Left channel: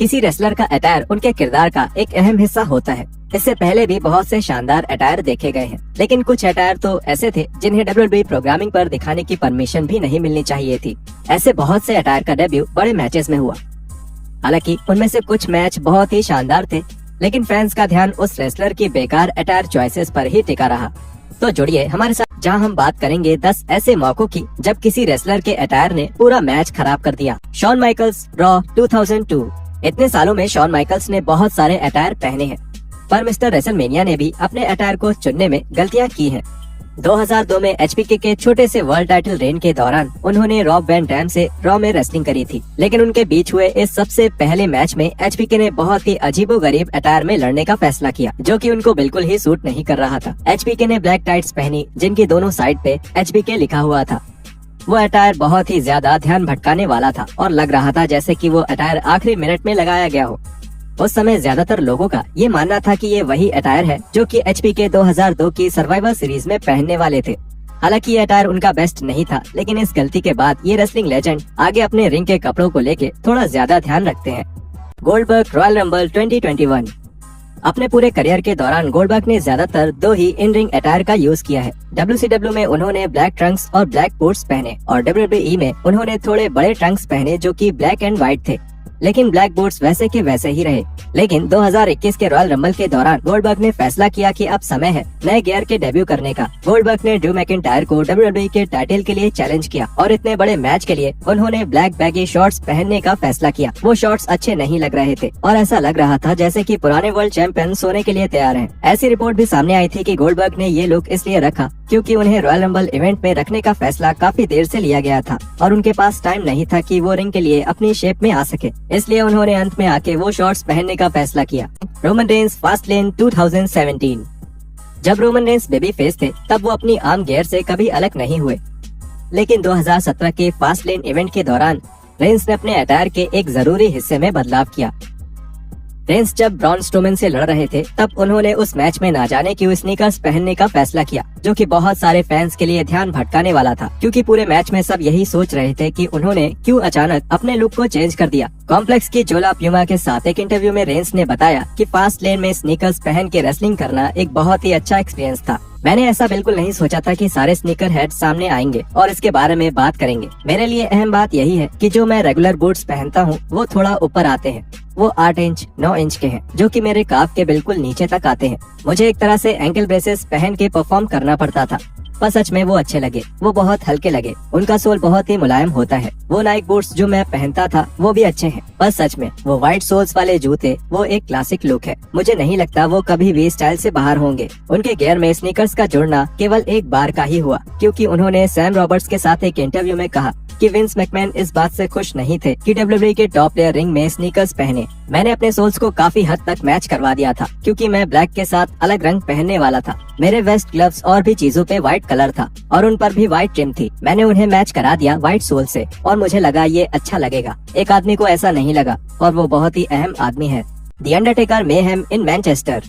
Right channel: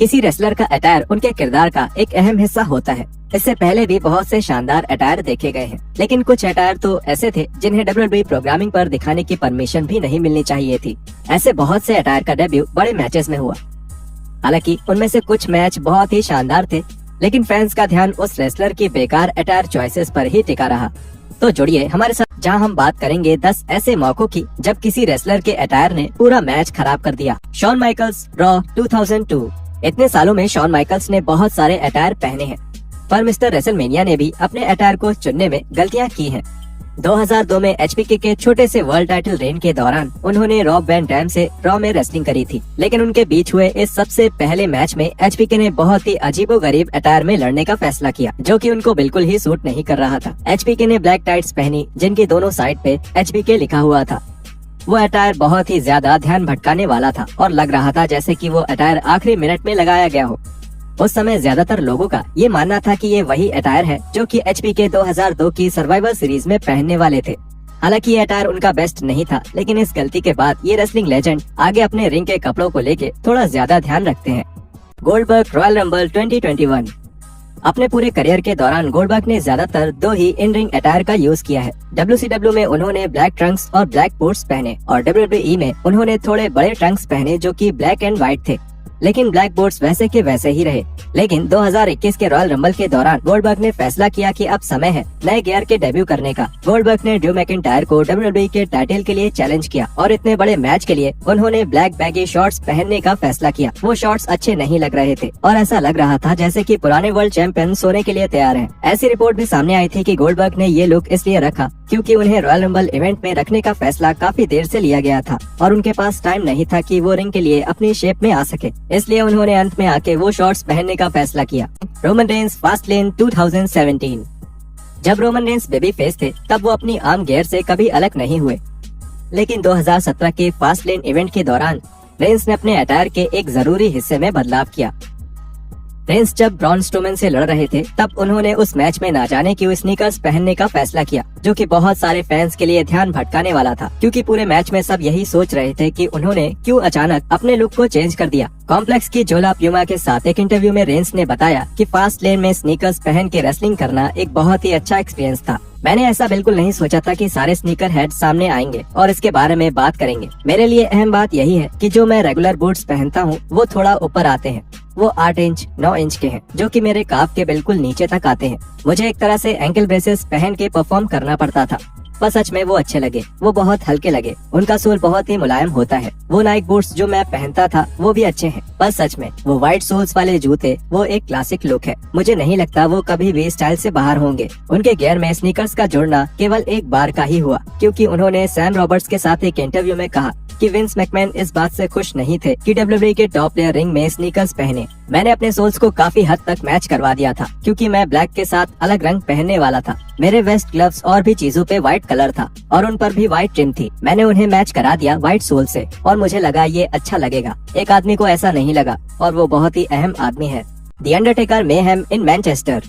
किसी रेसलर का अटायर उनके किरदार का एक अहम हिस्सा होता है। इससे पहले भी बहुत से शानदार अटायर देखे गए हैं, लेकिन कुछ अटायर तो ऐसे थे जिन्हें WWE प्रोग्रामिंग पर दिखाने की परमिशन भी नहीं मिलनी चाहिए थी। ऐसे बहुत से अटायर का डेब्यू बड़े मैचेस में हुआ। हालांकि उनमें से कुछ मैच बहुत ही शानदार थे, लेकिन फैंस का ध्यान उस रेसलर की बेकार अटायर चॉइसेस पर ही टिका रहा। तो जुड़िए हमारे साथ, जहां हम बात करेंगे 10 ऐसे मौकों की जब किसी रेसलर के अटायर ने पूरा मैच खराब कर दिया। Shawn Michaels, Raw 2002। इतने सालों में शॉन माइकल्स ने बहुत सारे अटायर पहने हैं, पर मिस्टर रेसलमेनिया ने भी अपने अटायर को चुनने में गलतियां की हैं। 2002 में एचबीके के छोटे से वर्ल्ड टाइटल रेन के दौरान उन्होंने रॉब वैन डैम से रॉ में रेसलिंग करी थी, लेकिन उनके बीच हुए इस सबसे पहले मैच में एचबीके ने बहुत ही अजीबोगरीब अटायर में लड़ने का फैसला किया, जो कि उनको बिल्कुल ही सूट नहीं कर रहा था। एचबीके ने ब्लैक टाइट्स पहनी, जिनकी दोनों साइड पे एचबीके लिखा हुआ था। वो अटायर बहुत ही ज्यादा ध्यान भटकाने वाला था और लग रहा था जैसे कि वो अटायर आखिरी मिनट में लगाया गया हो। उस समय ज्यादातर लोगों का ये मानना था कि ये वही अटायर है जो कि एचबीके 2002 की सर्वाइवर सीरीज में पहनने वाले थे। हालांकि ये अटायर उनका बेस्ट नहीं था, लेकिन इस गलती के बाद ये रेसलिंग लेजेंड आगे अपने रिंग के कपड़ों को लेके थोड़ा ज्यादा ध्यान रखते हैं। Goldberg royal rumble 2021। अपने पूरे करियर के दौरान गोल्डबर्ग ने ज्यादातर 2 ही इन रिंग अटायर का यूज किया है। WCW में उन्होंने ब्लैक ट्रंक्स और ब्लैक पोर्ट्स पहने और WWE में उन्होंने थोड़े बड़े ट्रंक्स पहने जो कि ब्लैक एंड व्हाइट थे, लेकिन ब्लैक बोर्ड्स वैसे के वैसे ही रहे। लेकिन 2021 के रॉयल रंबल के दौरान गोल्डबर्ग ने फैसला किया कि अब समय है नए गियर के डेब्यू करने का। गोल्डबर्ग ने ड्रू मैकिंटायर को WWE के टाइटल के लिए चैलेंज किया और इतने बड़े मैच के लिए उन्होंने ब्लैक बैगी शॉर्ट्स पहनने का फैसला किया। वो शॉर्ट्स अच्छे नहीं लग रहे थे और ऐसा लग रहा था जैसे कि पुराने वर्ल्ड चैंपियन सोने के लिए तैयार हैं। ऐसी रिपोर्ट भी सामने आई थी कि गोल्डबर्ग ने ये लुक इसलिए रखा क्योंकि उन्हें रॉयल रंबल इवेंट में रखने का फैसला काफी देर से लिया गया था और उनके पास टाइम नहीं था कि वो रिंग के लिए अपनी शेप में आ सके, इसलिए उन्होंने अंत में आके वो शॉर्ट्स पहनने का फैसला किया। Roman Reigns Fastlane 2017। जब रोमन रेंस बेबी फेस थे तब वो अपनी आम गियर से कभी अलग नहीं हुए, लेकिन 2017 के फास्टलेन इवेंट के दौरान रेंस ने अपने अटायर के एक जरूरी हिस्से में बदलाव किया। रेंस जब ब्रॉन स्ट्रोमैन से लड़ रहे थे तब उन्होंने उस मैच में ना जाने क्यों स्नीकर्स पहनने का फैसला किया, जो कि बहुत सारे फैंस के लिए ध्यान भटकाने वाला था, क्योंकि पूरे मैच में सब यही सोच रहे थे कि उन्होंने क्यों अचानक अपने लुक को चेंज कर दिया। कॉम्प्लेक्स की जोला प्यूमा के साथ एक इंटरव्यू में रेंस ने बताया कि फास्ट लेन में स्नीकर्स पहन के रेसलिंग करना एक बहुत ही अच्छा एक्सपीरियंस था। मैंने ऐसा बिल्कुल नहीं सोचा था कि सारे स्नीकर हेड सामने आएंगे और इसके बारे में बात करेंगे। मेरे लिए अहम बात यही है कि जो मैं रेगुलर बूट्स पहनता हूँ वो थोड़ा ऊपर आते हैं। वो 8 इंच 9 इंच के हैं, जो कि मेरे काफ के बिल्कुल नीचे तक आते हैं। मुझे एक तरह से एंकल ब्रेसेस पहन के परफॉर्म करना पड़ता था, पर सच में वो अच्छे लगे। वो बहुत हल्के लगे, उनका सोल बहुत ही मुलायम होता है। वो नाइक बूट्स जो मैं पहनता था वो भी अच्छे हैं, पर सच में वो व्हाइट सोल्स वाले जूते वो एक क्लासिक लुक है। मुझे नहीं लगता वो कभी भी स्टाइल से बाहर होंगे। उनके गियर में स्नीकर्स का जुड़ना केवल एक बार का ही हुआ, क्योंकि उन्होंने सैम रॉबर्ट्स के साथ एक इंटरव्यू में कहा कि विंस मैकमैन इस बात से खुश नहीं थे कि WWE के टॉप प्लेयर रिंग में स्नीकर्स पहने। मैंने अपने सोल्स को काफी हद तक मैच करवा दिया था, क्योंकि मैं ब्लैक के साथ अलग रंग पहनने वाला था। मेरे वेस्ट ग्लव्स और भी चीजों पे व्हाइट कलर था और उन पर भी व्हाइट ट्रिम थी। मैंने उन्हें मैच करा दिया व्हाइट सोल से और मुझे लगा ये अच्छा लगेगा। एक आदमी को ऐसा नहीं लगा और वो बहुत ही अहम आदमी है। The Undertaker mayhem in Manchester.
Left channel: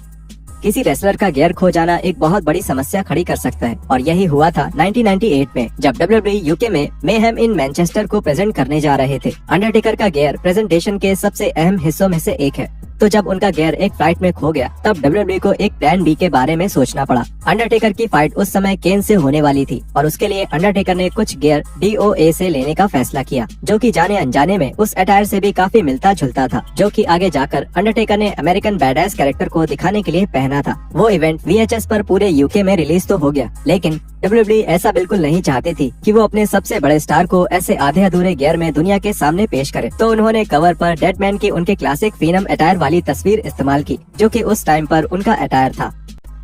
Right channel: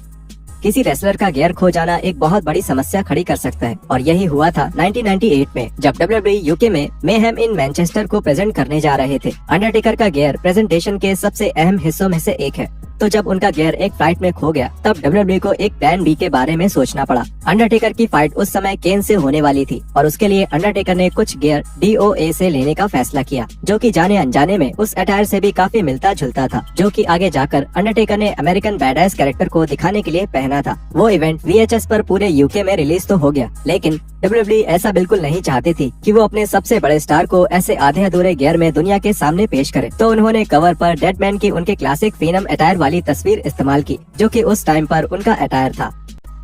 किसी रेसलर का गियर खो जाना एक बहुत बड़ी समस्या खड़ी कर सकता है, और यही हुआ था 1998 में जब WWE यूके में मेहम इन मैनचेस्टर को प्रेजेंट करने जा रहे थे। अंडरटेकर का गियर प्रेजेंटेशन के सबसे अहम हिस्सों में से एक है, तो जब उनका गियर एक फ्लाइट में खो गया तब WWE को एक प्लान बी के बारे में सोचना पड़ा। अंडरटेकर की फाइट उस समय केन से होने वाली थी और उसके लिए अंडरटेकर ने कुछ गियर DOA से लेने का फैसला किया, जो कि जाने अनजाने में उस अटायर से भी काफी मिलता जुलता था, जो कि आगे जाकर अंडरटेकर ने अमेरिकन बैडएस कैरेक्टर को दिखाने के लिए पहना था। वो इवेंट VHS पर पूरे यूके में रिलीज तो हो गया, लेकिन WWE ऐसा बिल्कुल नहीं चाहती थी कि वो अपने सबसे बड़े स्टार को ऐसे आधे अधूरे गियर में दुनिया के सामने पेश करे, तो उन्होंने कवर पर डेडमैन की उनके क्लासिक फिनम अटायर वाली तस्वीर इस्तेमाल की, जो कि उस टाइम पर उनका अटायर था।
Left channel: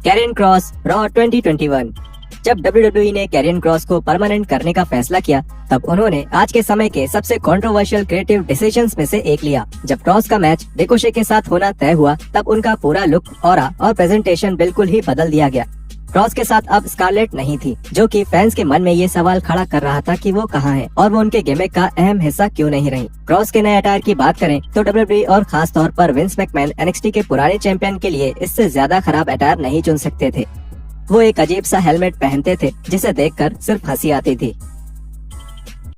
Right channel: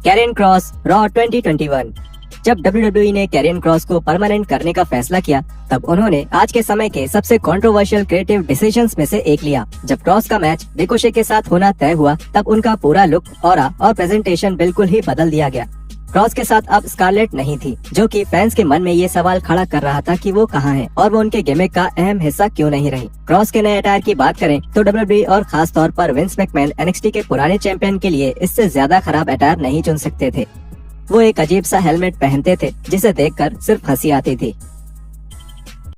Karrion Kross Raw 2021। जब WWE ने कैरियन क्रॉस को परमानेंट करने का फैसला किया तब उन्होंने आज के समय के सबसे कंट्रोवर्शियल क्रिएटिव डिसीजंस में से एक लिया। जब क्रॉस का मैच रिकोशे के साथ होना तय हुआ तब उनका पूरा लुक, ऑरा और प्रेजेंटेशन बिल्कुल ही बदल दिया गया। क्रॉस के साथ अब स्कारलेट नहीं थी, जो कि फैंस के मन में ये सवाल खड़ा कर रहा था कि वो कहाँ है और वो उनके गिमिक का अहम हिस्सा क्यों नहीं रही। क्रॉस के नए अटायर की बात करें तो WWE और खास तौर पर विंस मैकमैन NXT के पुराने चैंपियन के लिए इससे ज्यादा खराब अटायर नहीं चुन सकते थे। वो एक अजीब सा हेलमेट पहनते थे जिसे देखकर सिर्फ हंसी आती थी।